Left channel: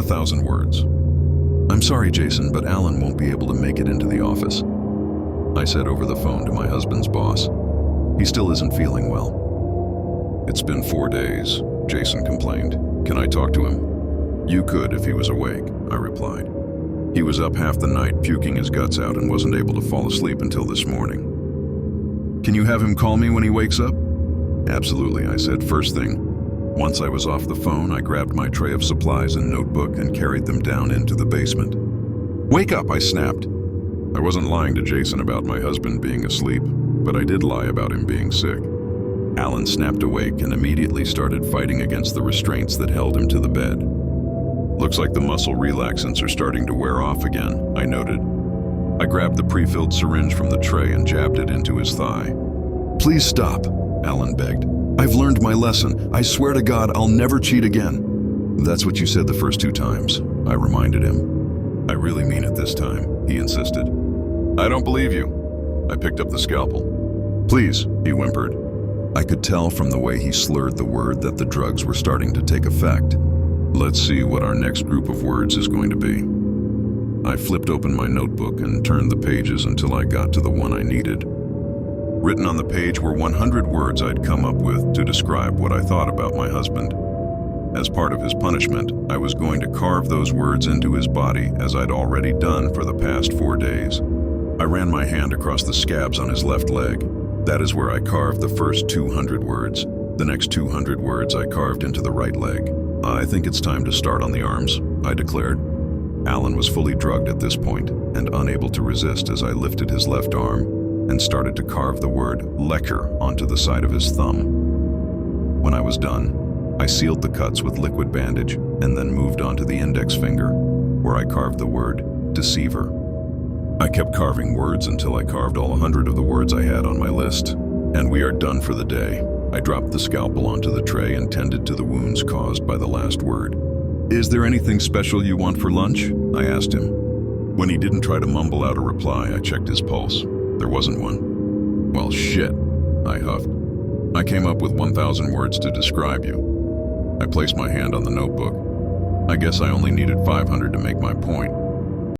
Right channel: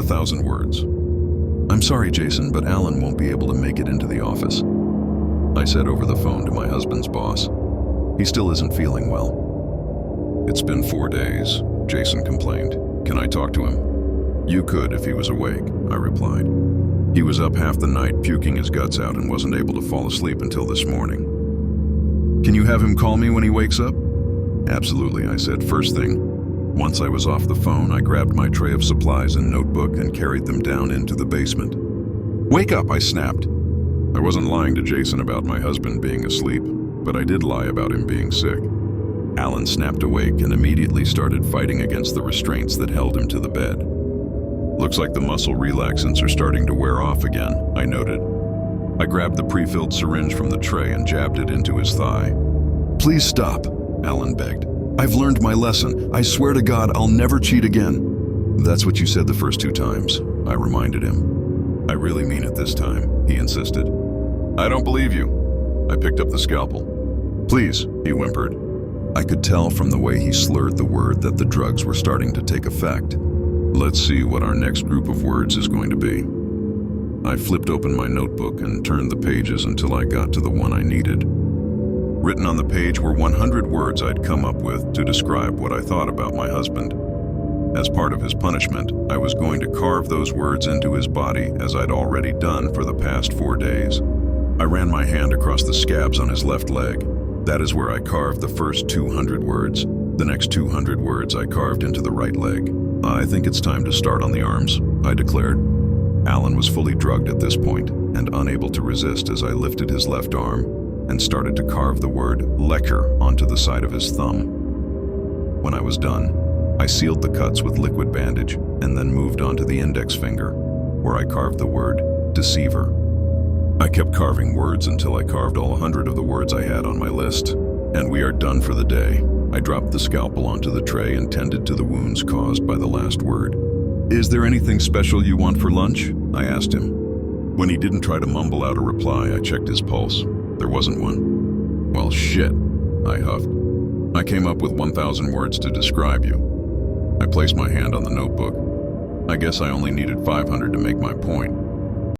1,000 words. I'm sorry, Jason, but Alan won't be able to make it into the office, I said over the phone to my husband's boss. He still isn't feeling well. It's been 4 days, Jason complained. Can I talk to him? You could if he was awake, I replied. He was up half the night puking his guts out and wasn't able to fall asleep until this morning. Can you have him call me when he wakes up? Absolutely, I said first thing. Once I was off the phone, I grabbed my tray of supplies and notebook and carried them down into the basement. Wake up, I snapped. I wasn't lying to Jason about my husband being asleep, but I did lie about him being sick. Alan snapped awake and immediately started fighting against the restraints that held him to the bed. Looks like the muscle relaxants are starting to wear off again, I noted. I grabbed the pre-filled syringe from the tray and jabbed it into his thigh. Please stop, Alan begged. I've learned my lesson. I swear to God, I'll never cheat again. That's what you said the first 2 times, I reminded him. I really mean it this time, he insisted. I don't believe you. I picked up the scalpel. Please, he whimpered. I could tell from the way he slurred the word that the drugs were starting to take effect. Let's see what our next group of words is going to be. I flipped open my notebook and turned the pages until I got to the one I needed. Written on the page were 100 words I'd come up with to describe what I thought about my husband. As part of his punishment, I was going to carve those words into his body as I'd already done for the past 4 days. I ran my hand across the scabs on his left leg. That is where I carved the first 200 words. The next 200 words I carved into the right leg. I think it's time to start on the arms, I declared. Alan was fully drugged at this point and unable to resist as I lifted his left arm and started to carve the word lecker onto the side of his thumb. When I was done, I sealed the cuts with liquid bandage and then moved on to the index finger, where I carved the word deceiver. I kept carving words until I carved all 100 of the words I had on my list, and we are done for the day. I dropped the scalpel onto the tray and tended to the wounds caused by the last word. Is there anything special you want for lunch? I asked him. When he didn't try to mumble out a reply, I checked his pulse. There wasn't one. Well, shit, I huffed. I came up with 1,000 words to describe you. I placed my hand on the notebook. I guess I only needed 500 to make my point.